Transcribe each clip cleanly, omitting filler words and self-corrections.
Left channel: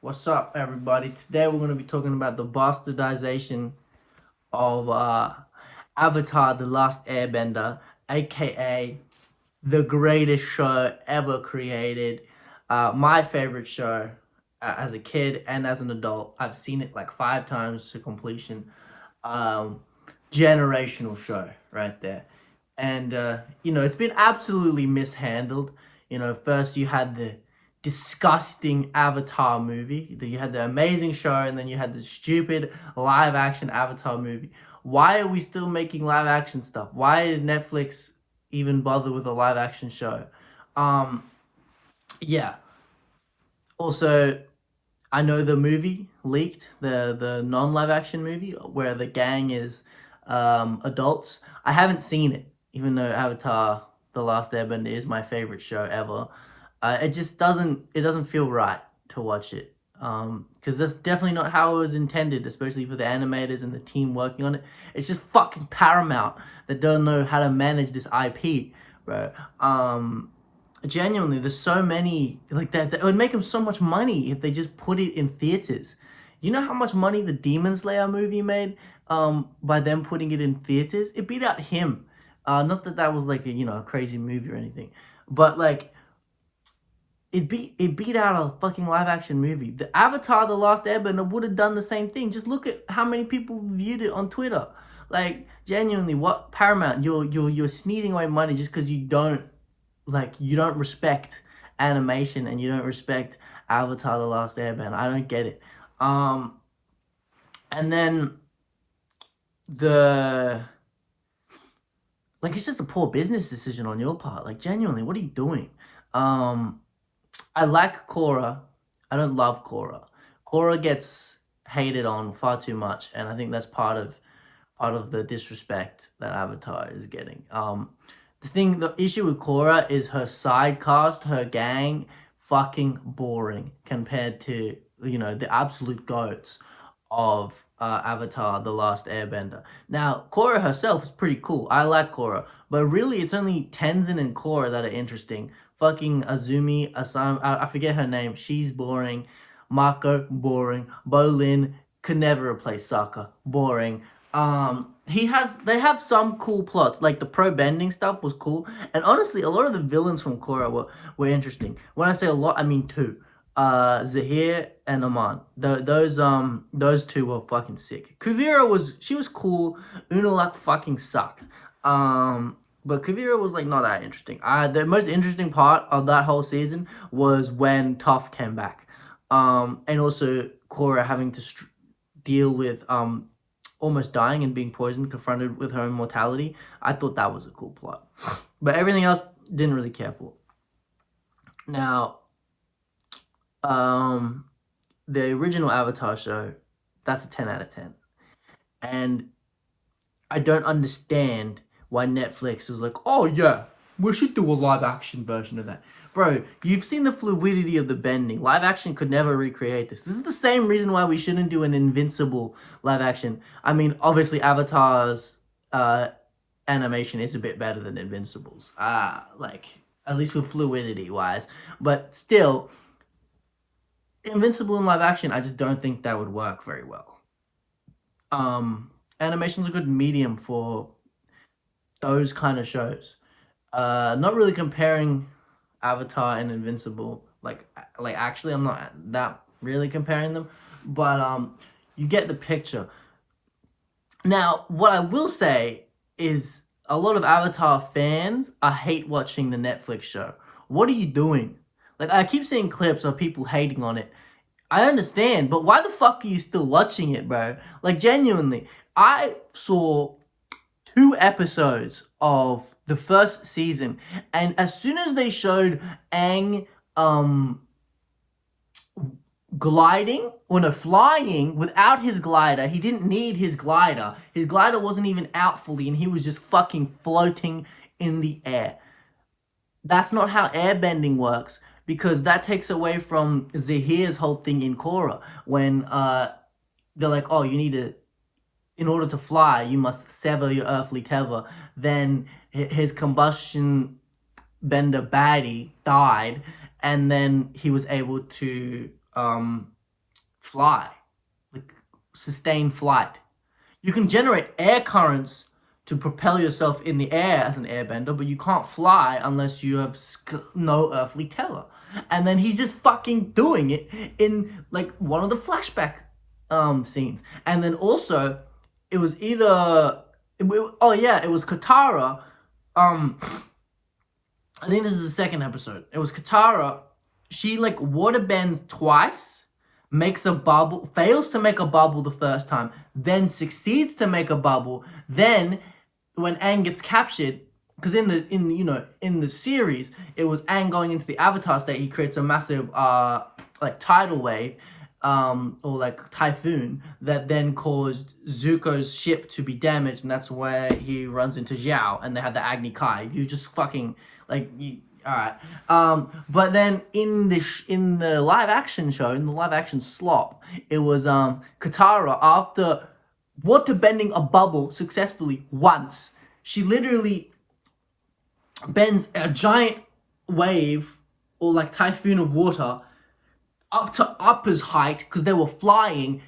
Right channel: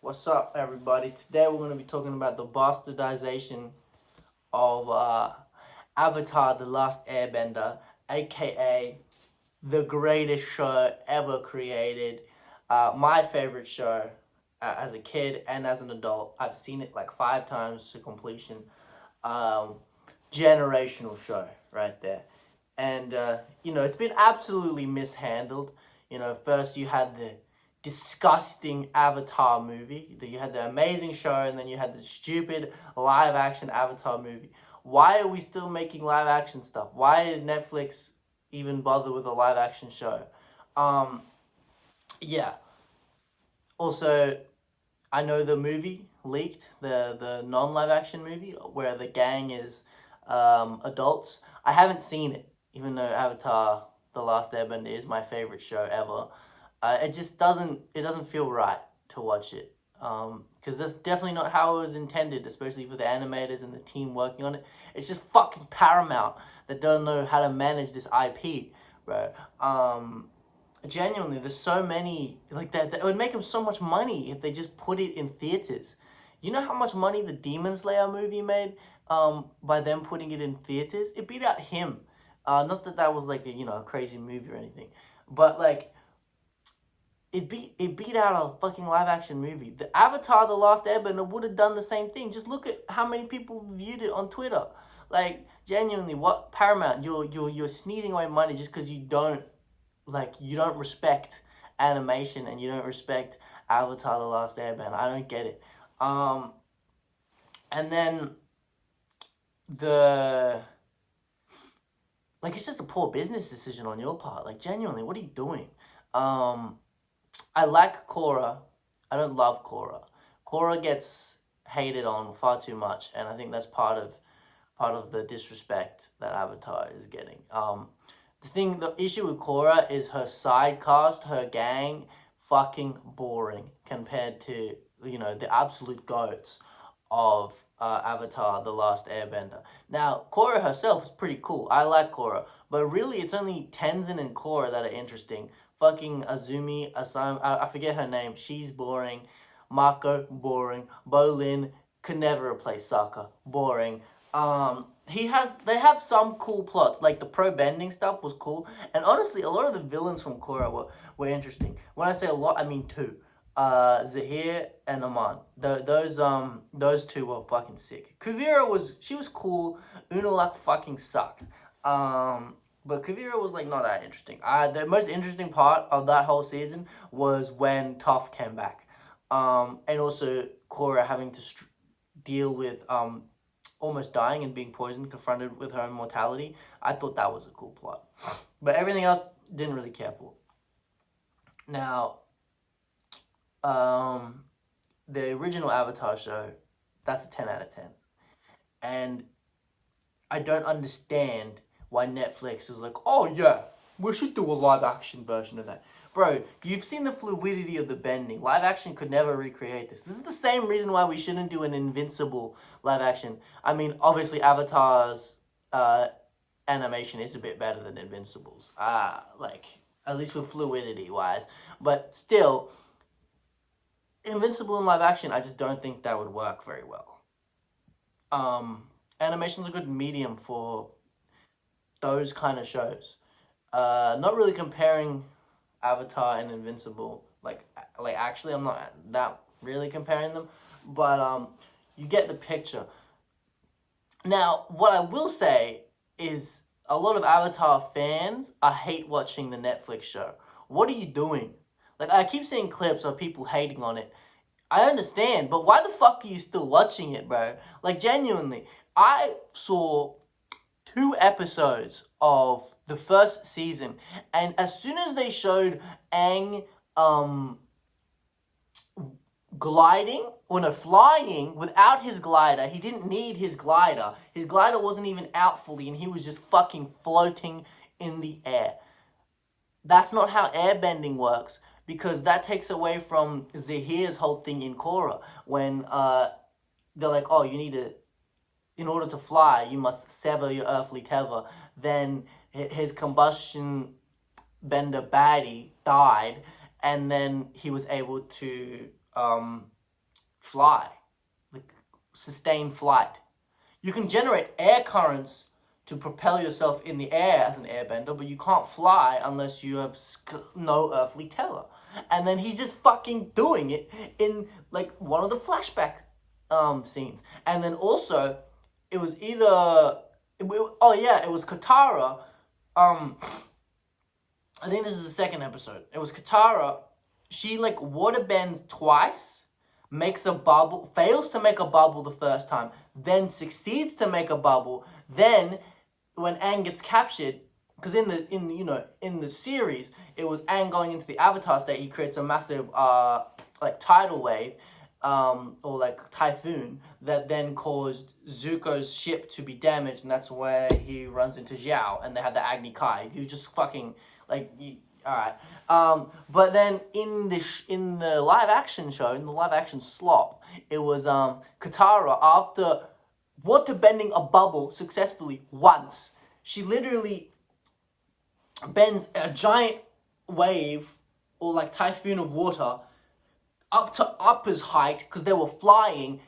What's up, everybody? Today we're going to be talking about the bastardization of Avatar: The Last Airbender, aka the greatest show ever created. My favorite show as a kid and as an adult. I've seen it like 5 times to completion. Um, Generational show right there. And it's been absolutely mishandled. First you had the disgusting Avatar movie, then you had the amazing show, and then you had the stupid live action Avatar movie. Why are we still making live action stuff? Why is Netflix even bother with a live action show? Um, yeah. Also, I know the movie leaked, the non live action movie where the gang is adults. I haven't seen it, even though Avatar: The Last Airbender is my favorite show ever. It doesn't feel right to watch it. Because that's definitely not how it was intended, especially for the animators and the team working on it. It's just fucking Paramount that don't know how to manage this IP, bro. Genuinely, there's so many like that. It would make them so much money if they just put it in theaters. You know how much money the Demon Slayer movie made by them putting it in theaters? It beat out him. Not that that was like a crazy movie or anything, but like it beat out a fucking live action movie. The Avatar: The Last Airbender would have done the same thing. Just look at how many people viewed it on Twitter. Like genuinely, what Paramount? You're sneezing away money just because you don't respect animation and you don't respect Avatar: The Last Airbender. I don't get it. Um, and then the it's just a poor business decision on your part. Like genuinely, what are you doing? Um, I like Korra. I don't love Korra. Korra gets hated on far too much, and I think that's part of the disrespect that Avatar is getting. The issue with Korra is her side cast, her gang, fucking boring compared to the absolute goats of Avatar: The Last Airbender. Now, Korra herself is pretty cool. I like Korra, but really, it's only Tenzin and Korra that are interesting. Fucking Azumi, Asam, I forget her name. She's boring. Mako, boring. Bolin could never replace Sokka. Boring. They have some cool plots, like the pro bending stuff was cool, and honestly, a lot of the villains from Korra were interesting. When I say a lot, I mean two. Zahir and Aman. Those two were fucking sick. Kuvira was cool. Unalak fucking sucked. But Kuvira was like not that interesting. The most interesting part of that whole season was when Toph came back. And also Korra having to deal with almost dying and being poisoned, confronted with her own mortality. I thought that was a cool plot. But everything else, didn't really care for. Now, um, the original Avatar show, that's a 10 out of 10. And I don't understand why Netflix is like, oh yeah, we should do a live action version of that. Bro, you've seen the fluidity of the bending. Live action could never recreate this. This is the same reason why we shouldn't do an Invincible live action. I mean, obviously, Avatar's animation is a bit better than Invincible's. At least with fluidity wise. But still, Invincible in live action, I just don't think that would work very well. Animation's a good medium for those kind of shows. Not really comparing Avatar and Invincible. Like actually, I'm not that really comparing them, but you get the picture. Now, what I will say is a lot of Avatar fans, I hate watching the Netflix show. What are you doing? Like I keep seeing clips of people hating on it. I understand, but why the fuck are you still watching it, bro? Like genuinely, I saw 2 episodes of the first season, and as soon as they showed Aang gliding, or no, flying without his glider, he didn't need his glider. His glider wasn't even out fully, and he was just fucking floating in the air. That's not how airbending works, because that takes away from Zahir's whole thing in Korra when they're like, oh, you need to, in order to fly, you must sever your earthly tether. Then his combustion bender baddie died, and then he was able to fly, like sustain flight. You can generate air currents to propel yourself in the air as an airbender, but you can't fly unless you have no earthly terror. And then he's just fucking doing it in like one of the flashback scenes. And then also, it was either oh yeah, it was Katara. Um, I think this is the second episode. It was Katara. She like water bends twice, makes a bubble, fails to make a bubble the first time, then succeeds to make a bubble. Then when Aang gets captured, because in the series, it was Aang going into the Avatar state. He creates a massive like tidal wave, or like typhoon that then caused Zuko's ship to be damaged, and that's where he runs into Zhao, and they had the Agni Kai. You just fucking like all right. But then in the live action show, in the live action slop, it was Katara after water bending a bubble successfully once. She literally bends a giant wave or like typhoon of water up to Appa's height because they were flying.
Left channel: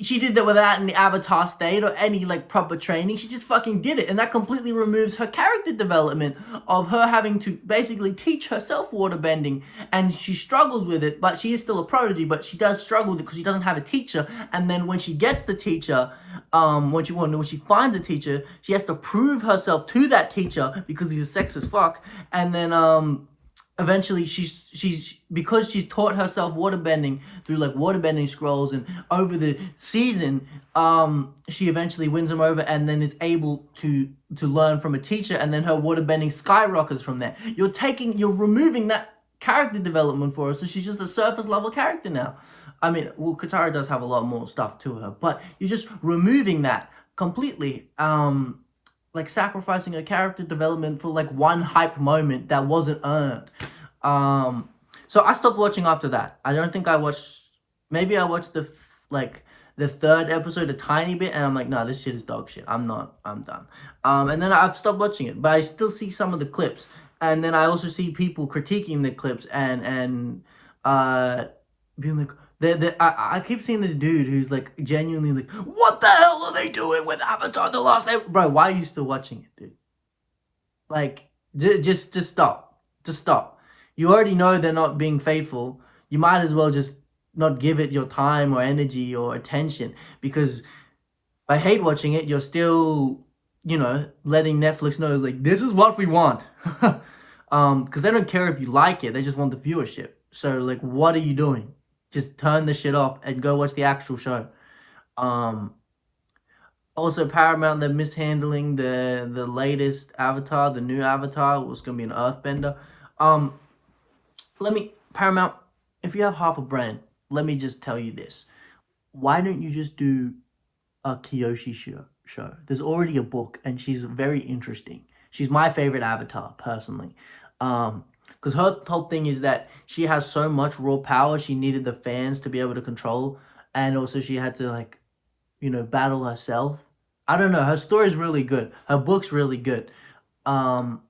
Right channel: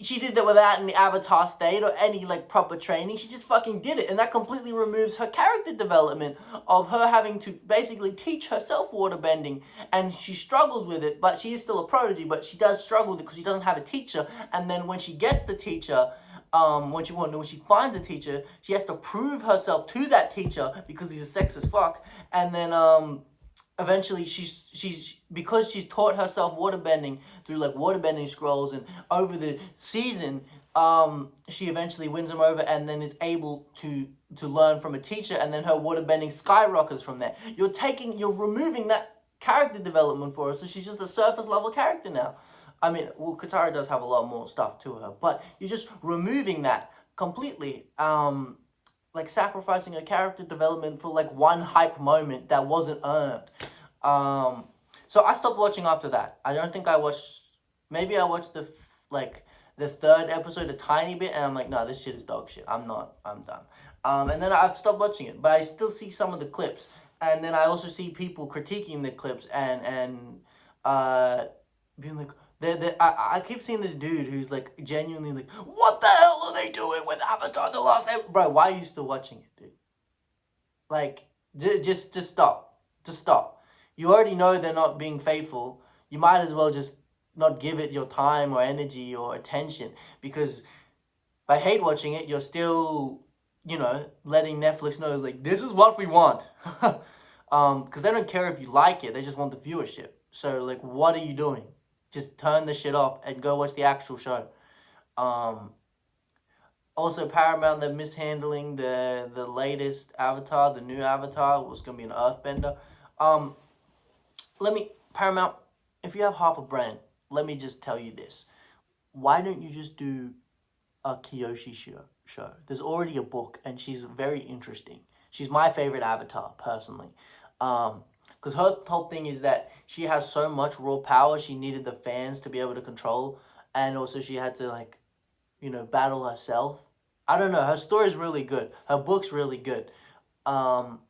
She did that without any avatar state or any like proper training. She just fucking did it, and that completely removes her character development of her having to basically teach herself waterbending, and she struggles with it. But she is still a prodigy, but she does struggle with it because she doesn't have a teacher. And then when she gets the teacher, when she finds the teacher, she has to prove herself to that teacher because he's a sexist fuck. And then eventually she's because she's taught herself waterbending through like waterbending scrolls, and over the season she eventually wins him over and then is able to learn from a teacher, and then her waterbending skyrockets from there. You're removing that character development for her, so she's just a surface level character now. I mean, well, Katara does have a lot more stuff to her, but you're just removing that completely, like sacrificing her character development for like one hype moment that wasn't earned. So I stopped watching after that. I don't think I watched. Maybe I watched like the third episode a tiny bit, and I'm like, no, this shit is dog shit. I'm not. I'm done. And then I've stopped watching it, but I still see some of the clips, and then I also see people critiquing the clips and being like, I keep seeing this dude who's like genuinely like, what the hell are they doing with Avatar: The Last Airbender? Bro, why are you still watching it, dude? Like, just stop. Just stop. You already know they're not being faithful. You might as well just not give it your time or energy or attention, because by hate watching it, you're still, letting Netflix know like this is what we want. Because they don't care if you like it, they just want the viewership. So like, what are you doing? Just turn the shit off and go watch the actual show. Um, Also, Paramount, they're mishandling the latest Avatar, the new Avatar, was gonna be an Earthbender. Um, Paramount, if you have half a brand, let me just tell you this: why don't you just do a Kyoshi show? There's already a book, and she's very interesting. She's my favorite Avatar, personally. Because her whole thing is that she has so much raw power, she needed the fans to be able to control, and also she had to like, battle herself. I don't know. Her story's really good. Her book's really good. Um,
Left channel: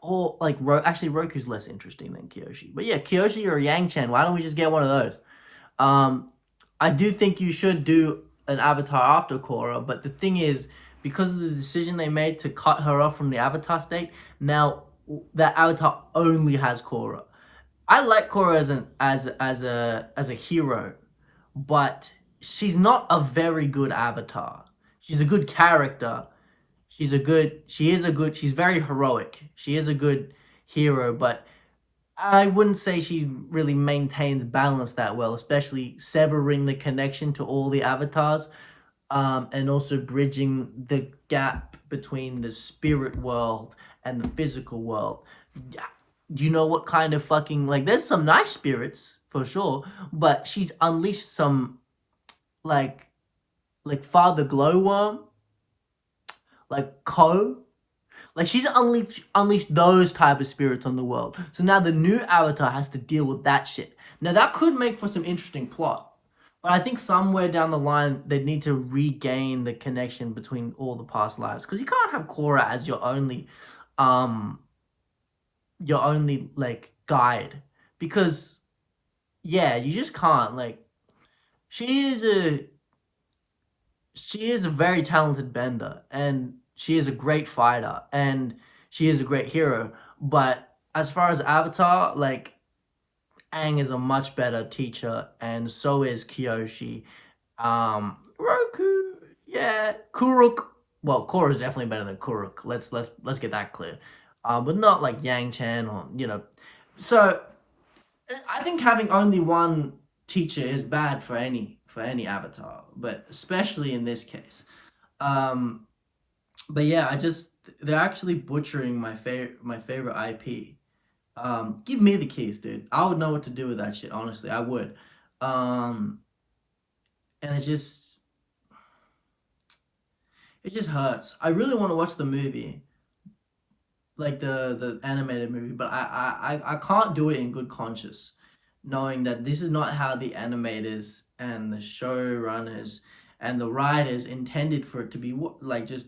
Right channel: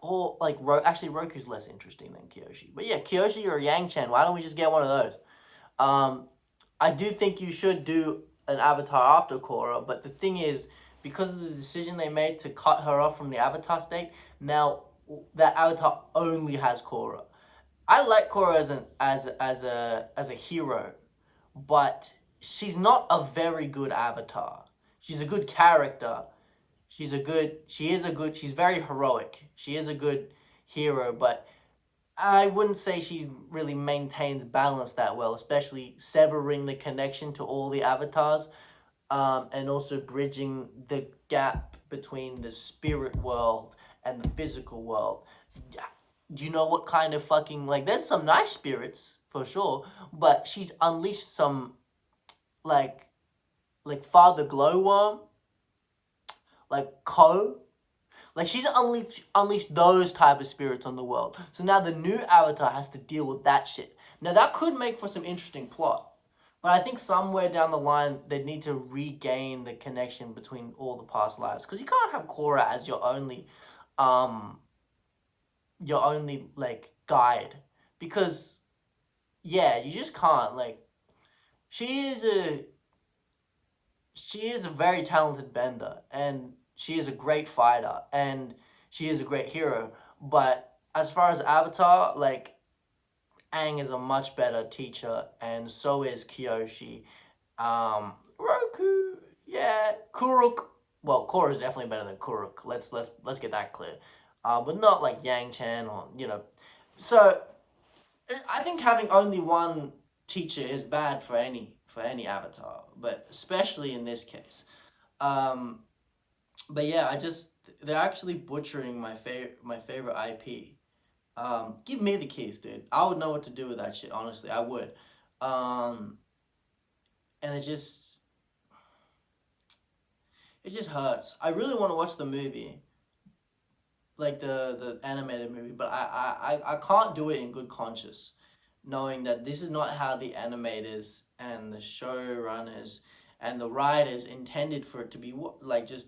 or like actually Roku's less interesting than Kyoshi. But yeah, Kyoshi or Yang Chen. Why don't we just get one of those? Um, I do think you should do an Avatar after Korra, but the thing is, because of the decision they made to cut her off from the Avatar state, now that Avatar only has Korra. I like Korra as a hero, but she's not a very good Avatar. She's a good character. She's very heroic. She is a good hero, but I wouldn't say she really maintains balance that well, especially severing the connection to all the avatars, and also bridging the gap between the spirit world and the physical world. Do you know what kind of fucking like? There's some nice spirits for sure, but she's unleashed some like Father Glowworm, like Ko. Like she's unleashed those type of spirits on the world. So now the new Avatar has to deal with that shit. Now that could make for some interesting plot. But I think somewhere down the line they need to regain the connection between all the past lives. Because you can't have Korra as your only like guide. Because yeah, you just can't. Like she is a she is a very talented bender, and she is a great fighter, and she is a great hero. But as far as Avatar, like, Aang is a much better teacher, and so is Kyoshi. Roku, yeah, Kuruk. Well, Korra is definitely better than Kuruk. Let's get that clear. But not like Yang Chen or So I think having only one teacher is bad for any avatar, but especially in this case. Um, but yeah, they're actually butchering my favorite IP. Give me the keys, dude. I would know what to do with that shit. Honestly, I would. Um, and it just hurts. I really want to watch the movie, like the animated movie, but I can't do it in good conscience, knowing that this is not how the animators and the showrunners and the writers intended for it to be. Like, just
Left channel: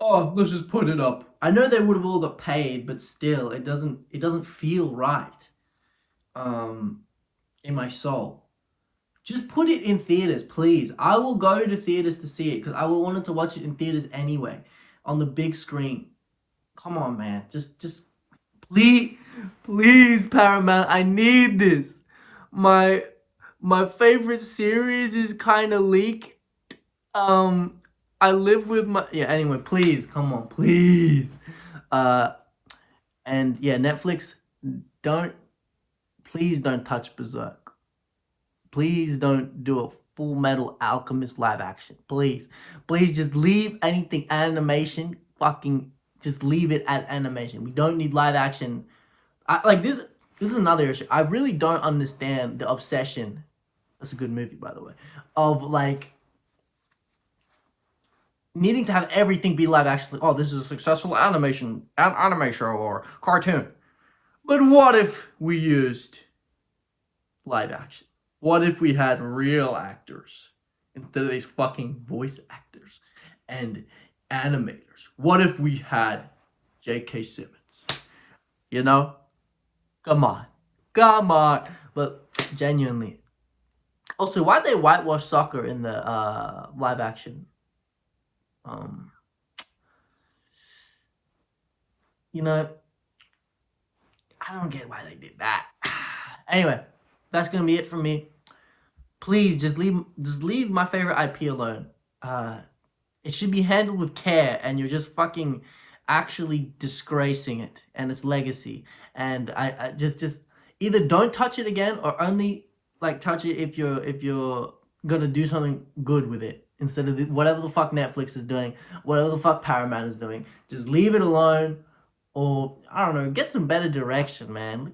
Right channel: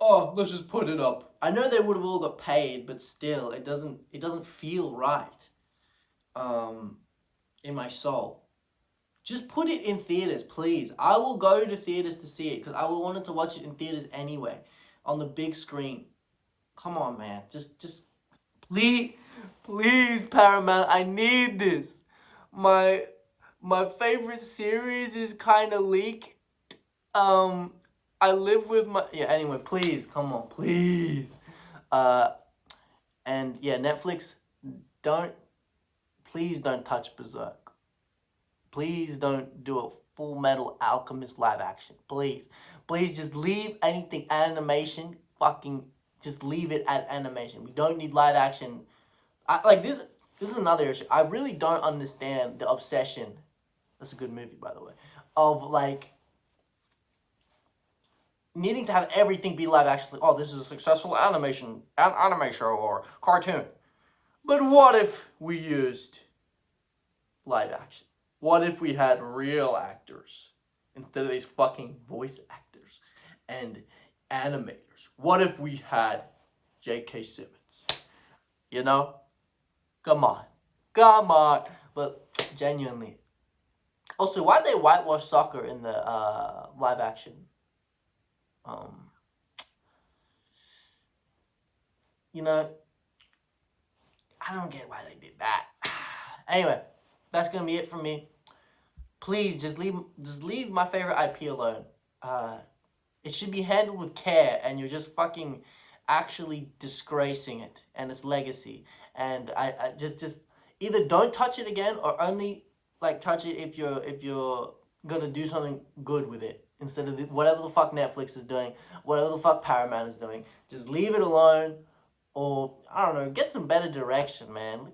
oh, let's just put it up. I know they would have all got paid, but still, it doesn't feel right. Um, in my soul. Just put it in theaters, please. I will go to theaters to see it because I will wanted to watch it in theaters anyway, on the big screen. Come on, man. Just please, please, Paramount. I need this. My my favorite series is kind of leaked. Um, I live with my yeah. Anyway, please, come on, please. Uh, and yeah, Netflix, don't please don't touch Berserk. Please don't do a Full Metal Alchemist live action. Please. Please just leave anything animation. Fucking just leave it as animation. We don't need live action. Like this is another issue. I really don't understand the obsession. That's a good movie, by the way. Of like needing to have everything be live action. Like, oh, this is a successful anime show or cartoon. But what if we used live action? What if we had real actors instead of these fucking voice actors and animators? What if we had J.K. Simmons? You know? Come on. Come on. But genuinely. Also, why'd they whitewash soccer in the live action? Um, you know, I don't get why they did that. Anyway, that's gonna be it from me. Please just leave my favorite IP alone. Uh, It should be handled with care, and you're just fucking actually disgracing it and its legacy. And I just either don't touch it again or only like touch it if you're gonna do something good with it instead of whatever the fuck Netflix is doing, whatever the fuck Paramount is doing. Just leave it alone, or I don't know, get some better direction, man.